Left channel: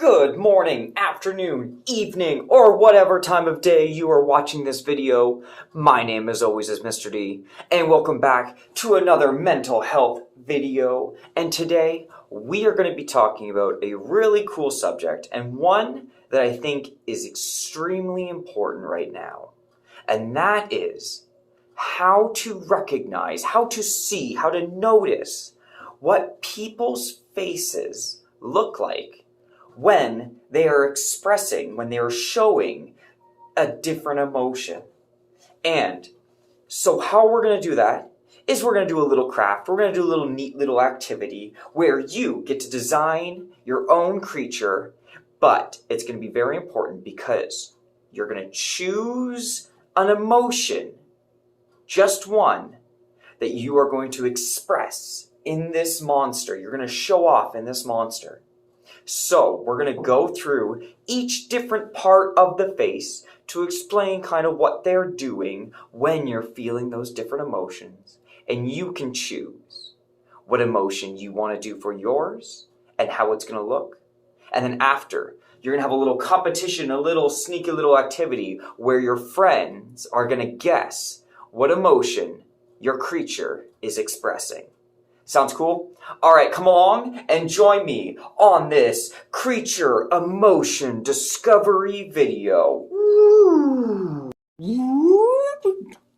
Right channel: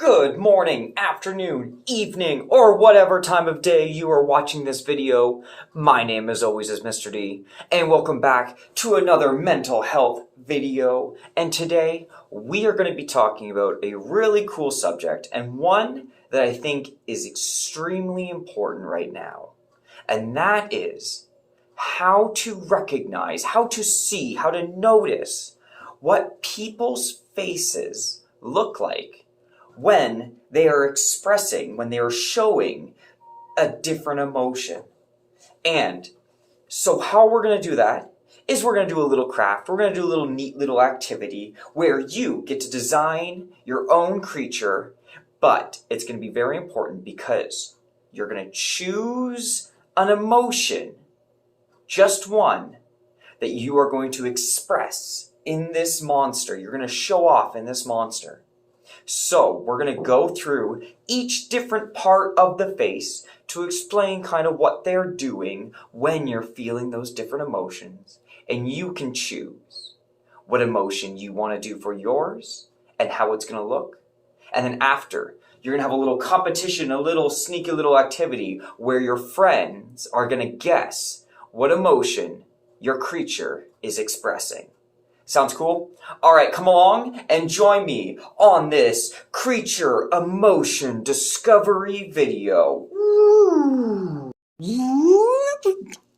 Good morning, afternoon, evening, or whatever time of day you are watching this video. My name as always is Mr. D, and welcome back to another mental health video. And today we are going to be talking about a really cool subject, and one that I think is extremely important right now. And that is how to recognize, how to see, how to notice what people's faces look like when they are expressing, when they are showing a different emotion. And so how we're going to do that is we're going to do a little craft. We're going to do a little neat little activity where you get to design your own creature, but it's going to be very important because you're going to choose an emotion, just one, that you are going to express in this monster. You're going to show off in this monster. So we're going to go through each different part of the face to explain kind of what they're doing when you're feeling those different emotions. And you can choose what emotion you want to do for yours and how it's going to look. And then after, you're going to have a little competition, a little sneaky little activity where your friends are going to guess what emotion your creature is expressing. Sounds cool? All right, come along and join me on this creature emotion discovery video.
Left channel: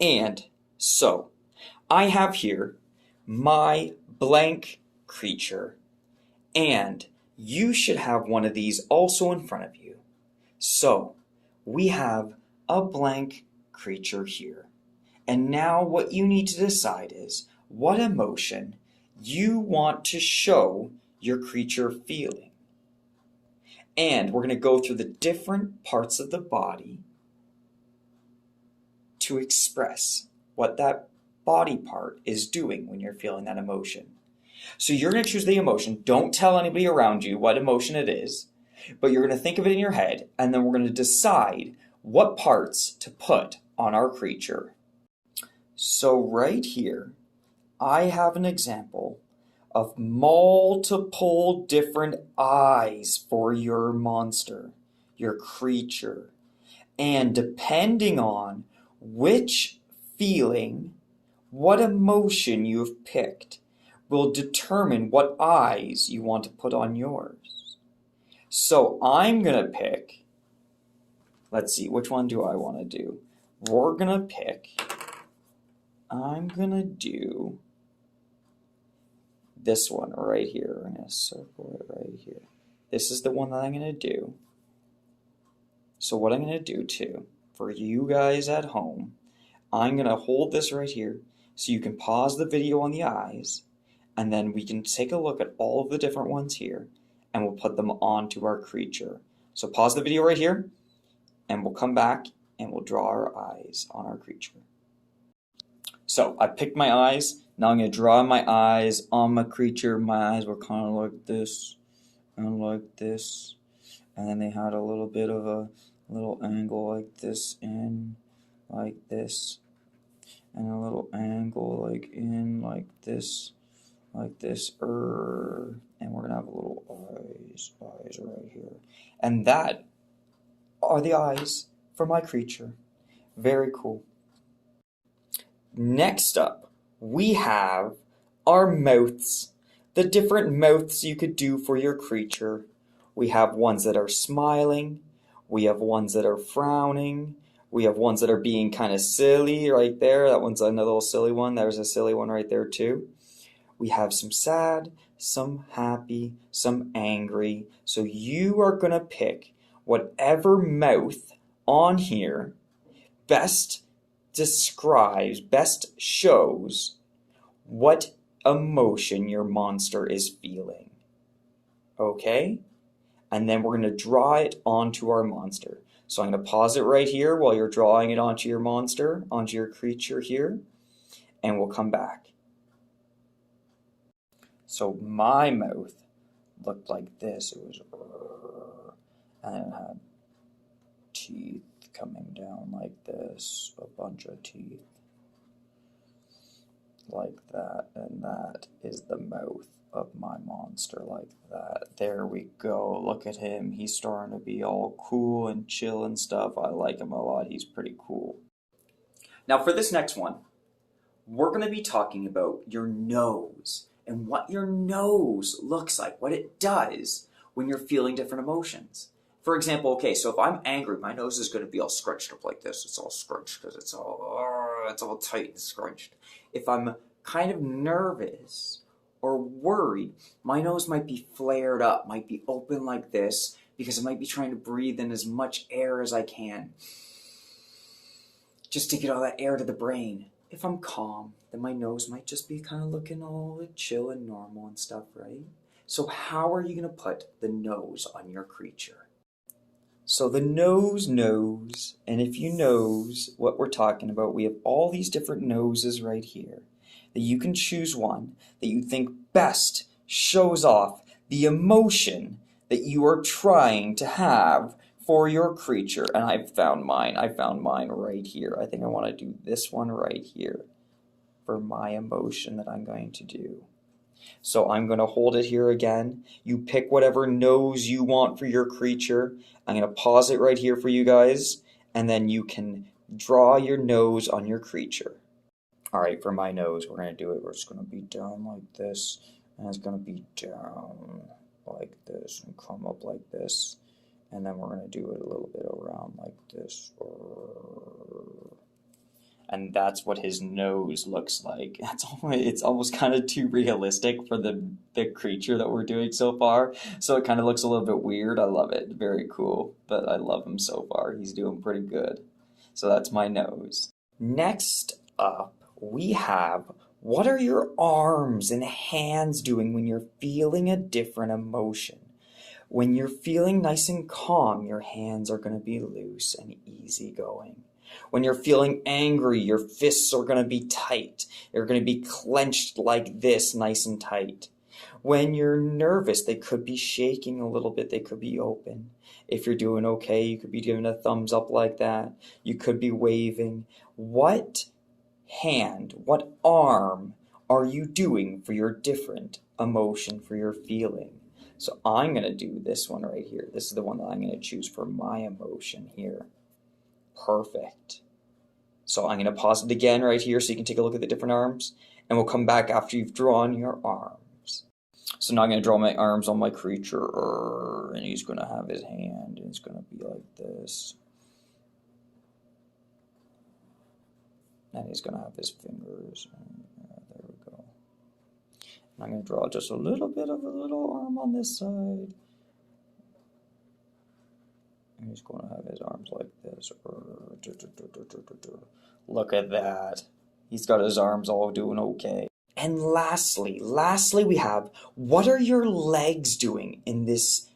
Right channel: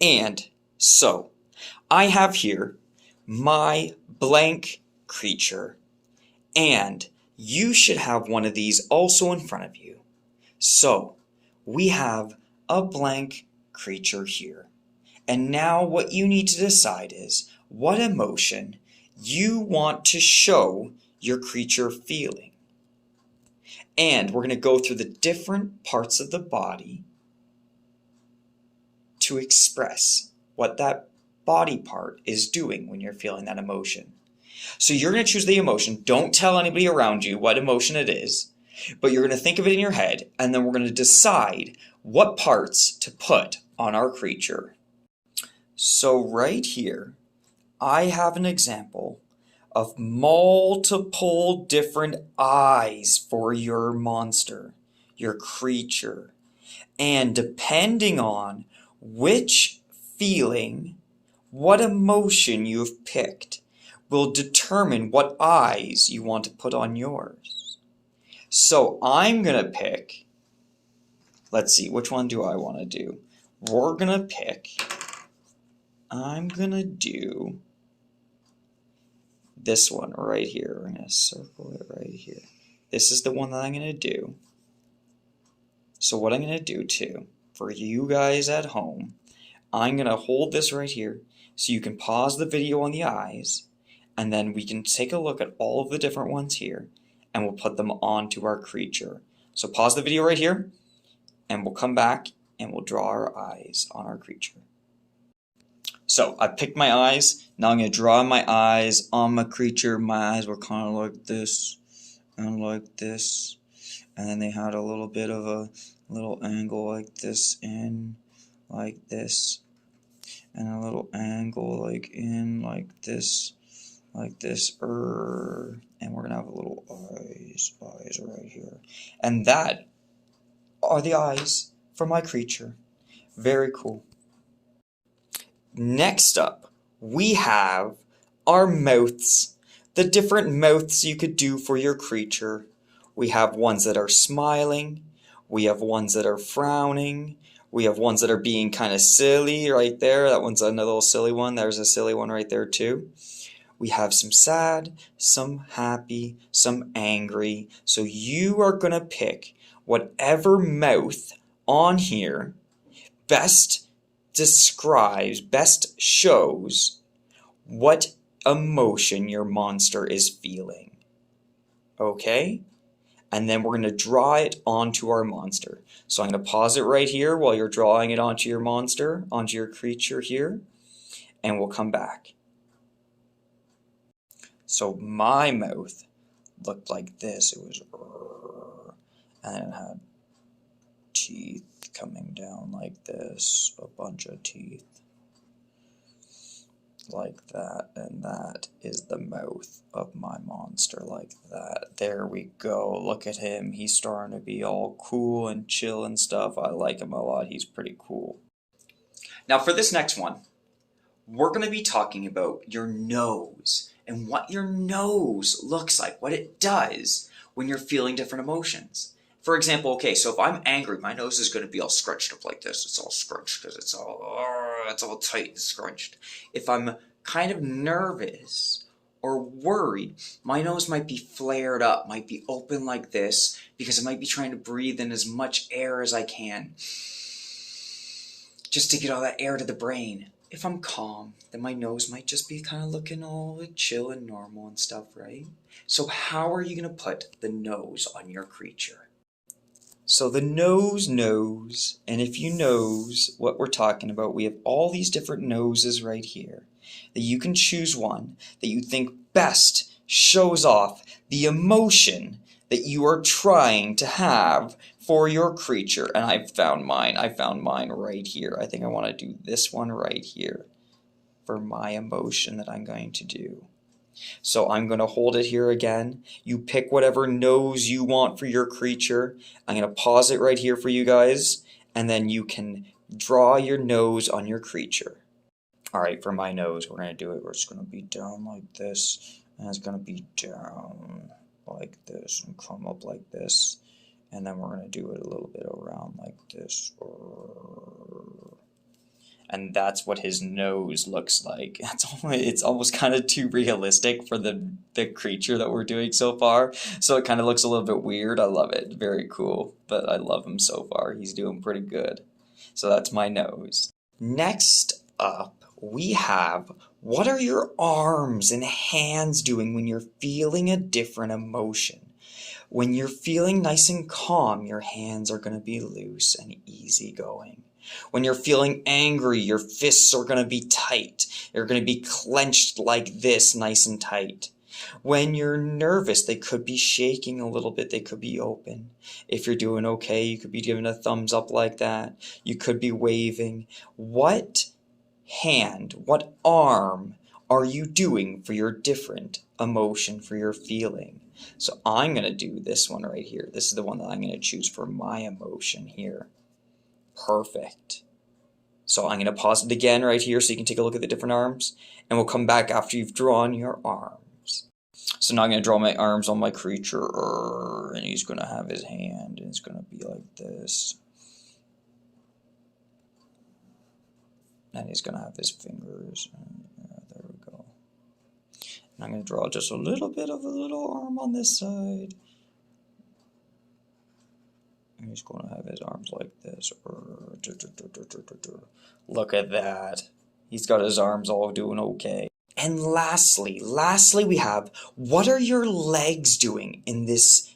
And so, I have here my blank creature, and you should have one of these also in front of you. So, we have a blank creature here. And now what you need to decide is what emotion you want to show your creature feeling. And we're going to go through the different parts of the body to express what that body part is doing when you're feeling that emotion. So you're going to choose the emotion. Don't tell anybody around you what emotion it is, but you're going to think of it in your head, and then we're going to decide what parts to put on our creature. So right here, I have an example of multiple different eyes for your monster, your creature. And depending on which feeling, what emotion you've picked, will determine what eyes you want to put on yours. So I'm going to pick, let's see, which one do I want to do? I'm going to do this one right here. I'm going to circle it right here. This is the one that I'm going to do. So what I'm going to do too, for you guys at home, I'm going to hold this right here so you can pause the video on the eyes, and then we can take a look at all of the different ones here, and we'll put them onto our creature. So pause the video right here, and we'll come back and we'll draw our eyes on our creature. So I picked my eyes. Now I'm going to draw my eyes on my creature. My eyes were kind of like this and like this. And then they had a little bit of a little angle like this and like this. And a little angle like in like this. And we're going to have a little eyes right here. And that are the eyes for my creature. Very cool. Next up, we have our mouths, the different mouths you could do for your creature. We have ones that are smiling, we have ones that are frowning, we have ones that are being kind of silly right there. That one's another little silly one. There's a silly one right there too. We have some sad, some happy, some angry. So you are going to pick whatever mouth on here best describes, best shows what emotion your monster is feeling. Okay? And then we're going to draw it onto our monster. So I'm going to pause it right here while you're drawing it onto your monster, onto your creature here, and we'll come back. So my mouth looked like this. It was, and then it had teeth coming down like this, a bunch of teeth. like that, and that is the mouth of my monster, like that. There we go. Look at him. He's starting to be all cool and chill and stuff. I like him a lot. He's pretty cool. Now for this next one, we're going to be talking about your nose and what your nose looks like, what it does when you're feeling different emotions. For example, okay, so if I'm angry, my nose is going to be all scrunched up like this. It's all scrunched because it's all tight and scrunched. If I'm kind of nervous or worried, my nose might be flared up, might be open like this, because I might be trying to breathe in as much air as I can, just to get all that air to the brain. If I'm calm, then my nose might just be kind of looking all like chill and normal and stuff, right? So how are you going to put the nose on your creature? So the nose knows, and if you knows what we're talking about, we have all these different noses right here, that you can choose one that you think best shows off the emotion that you are trying to have for your creature. And I found mine right here. I think I want to do this one right here for my emotion that I'm going to do. So I'm going to hold it here again. You pick whatever nose you want for your creature. I'm going to pause it right here for you guys, and then you can draw your nose on your creature. All right, for my nose, we're going to do it. We're just going to be down like this, and it's going to be down like this and come up like this. And then we're going to do it a little bit around like this. And that's what his nose looks like. It's almost kind of too realistic for the creature that we're doing so far. So it kind of looks a little bit weird. I love it. Very cool. But I love him so far. He's doing pretty good. So that's my nose. Next up, we have, what are your arms and hands doing when you're feeling a different emotion? When you're feeling nice and calm, your hands are going to be loose and easygoing. When you're feeling angry, your fists are going to be tight. They're going to be clenched like this, nice and tight. When you're nervous, they could be shaking a little bit. They could be open. If you're doing okay, you could be giving a thumbs up like that. You could be waving. What hand, what arm are you doing for your different emotion, for your feeling? So I'm going to do this one right here. This is the one that I'm going to choose for my emotion here. Perfect. So I'm going to pause it again right here so you can take a look at the different arms, and we'll come back after you've drawn your arms. So now I'm going to draw my arms on my creature, and he's going to have his hand, and it's going to be like this. And he's going to have his fingers. There we go. And I'm going to draw just a little bit of a little arm on this side. And he's going to have his arms like this. Look at that. He's got his arms all doing okay. And lastly we have, what are your legs doing in this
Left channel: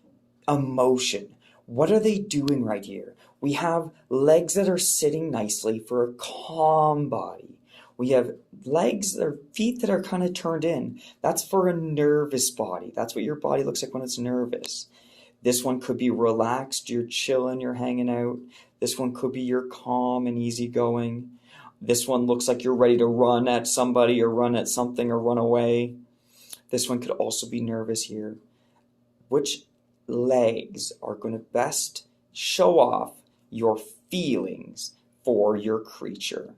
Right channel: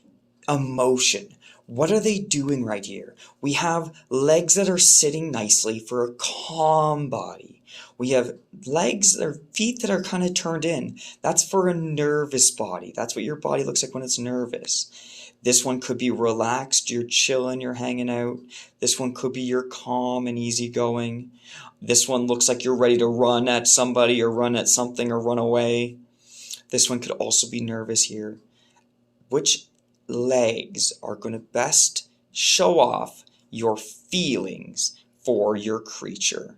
emotion? What are they doing right here? We have legs that are sitting nicely for a calm body. We have legs or feet that are kind of turned in. That's for a nervous body. That's what your body looks like when it's nervous. This one could be relaxed, you're chilling, you're hanging out. This one could be you're calm and easygoing. This one looks like you're ready to run at somebody or run at something or run away. This one could also be nervous here. Which legs are going to best show off your feelings for your creature?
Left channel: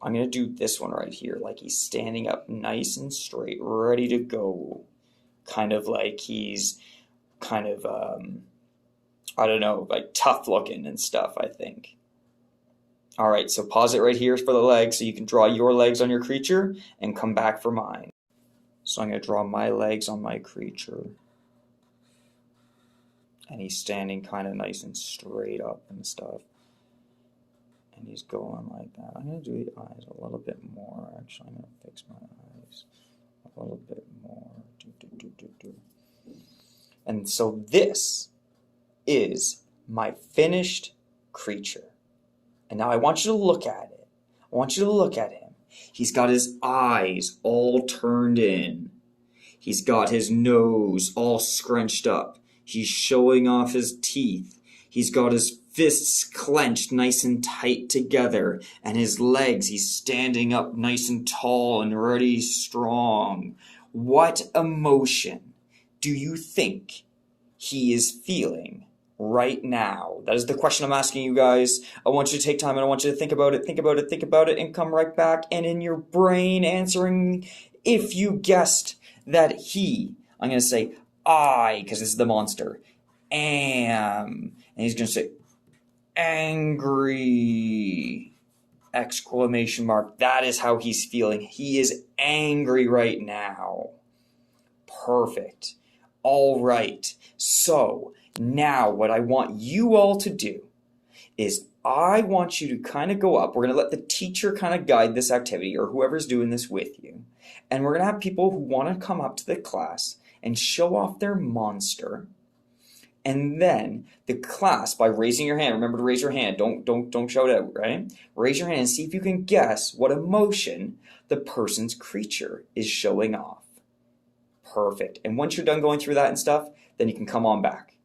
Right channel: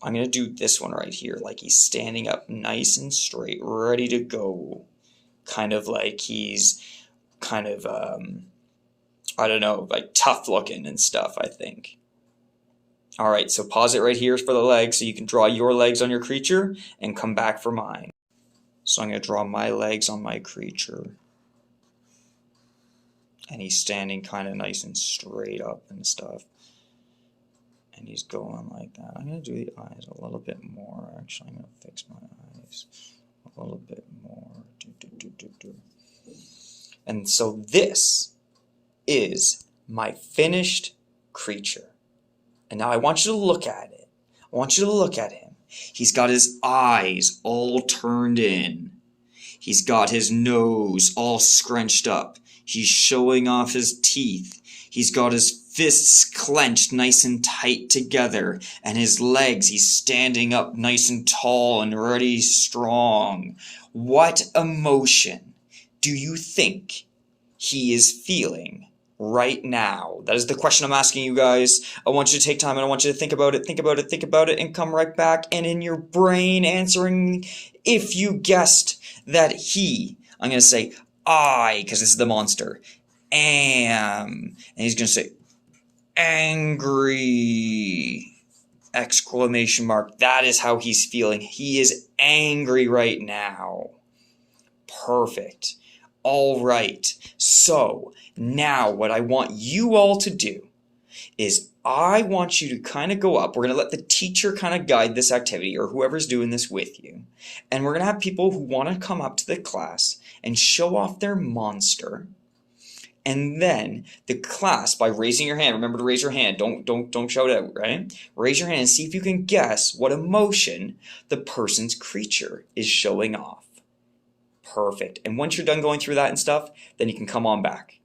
I'm going to do this one right here, like he's standing up nice and straight, ready to go. Kind of like he's kind of, I don't know, like tough looking and stuff, I think. All right, so pause it right here for the legs so you can draw your legs on your creature and come back for mine. So I'm going to draw my legs on my creature. And he's standing kind of nice and straight up and stuff. And he's going like that. I'm going to do the eyes a little bit more. Actually, I'm going to fix my eyes a little bit more. And so this is my finished creature. And now I want you to look at it. I want you to look at him. He's got his eyes all turned in. He's got his nose all scrunched up. He's showing off his teeth. He's got his fists clenched nice and tight together, and his legs, he's standing up nice and tall and ready strong. What emotion do you think he is feeling right now? That is the question I'm asking you guys. I want you to take time and I want you to think about it, and come right back. And in your brain answering, if you guessed that I'm going to say I, because this is the monster, am. And he's going to say angry! Exclamation mark. That is how he's feeling. He is angry right now. Perfect. All right. So now what I want you all to do is I want you to kind of go up. We're going to let the teacher kind of guide this activity, or whoever's doing this with you. And we're going to have people who want to come up to the class and show off their monster. And then the class, by raising your hand, remember to raise your hand, don't shout out, right? Raise your hand and see if you can guess what emotion the person's creature is showing off. Perfect. And once you're done going through that and stuff, then you can come on back.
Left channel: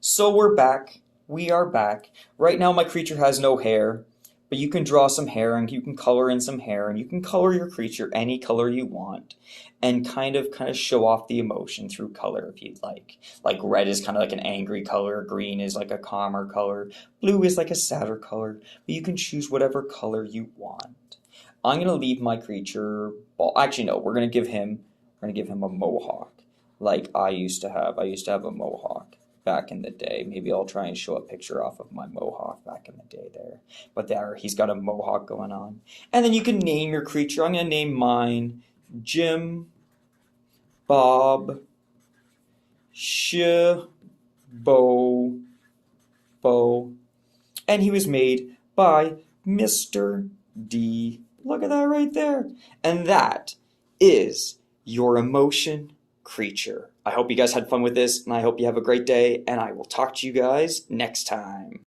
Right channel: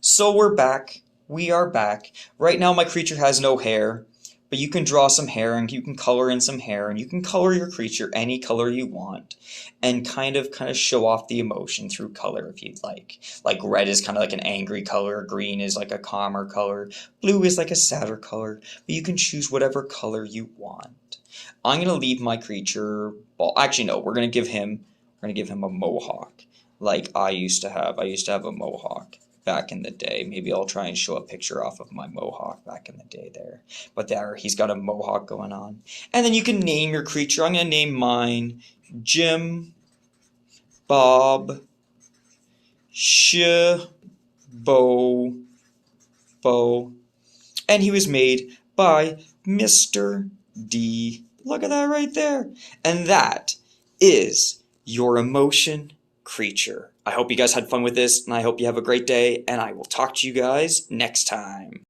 So we're back. We are back. Right now my creature has no hair, but you can draw some hair and you can color in some hair and you can color your creature any color you want and kind of show off the emotion through color if you'd like. Like red is kind of like an angry color, green is like a calmer color, blue is like a sadder color, but you can choose whatever color you want. I'm going to leave my creature, well, actually no, we're going to give him a mohawk like I used to have. I used to have a mohawk back in the day. Maybe I'll try and show a picture off of my mohawk back in the day there. But there, he's got a mohawk going on. And then you can name your creature. I'm going to name mine Jim, Bob, Bo. And he was made by Mr. D. Look at that right there. And that is your emotion creature. I hope you guys had fun with this, and I hope you have a great day, and I will talk to you guys next time.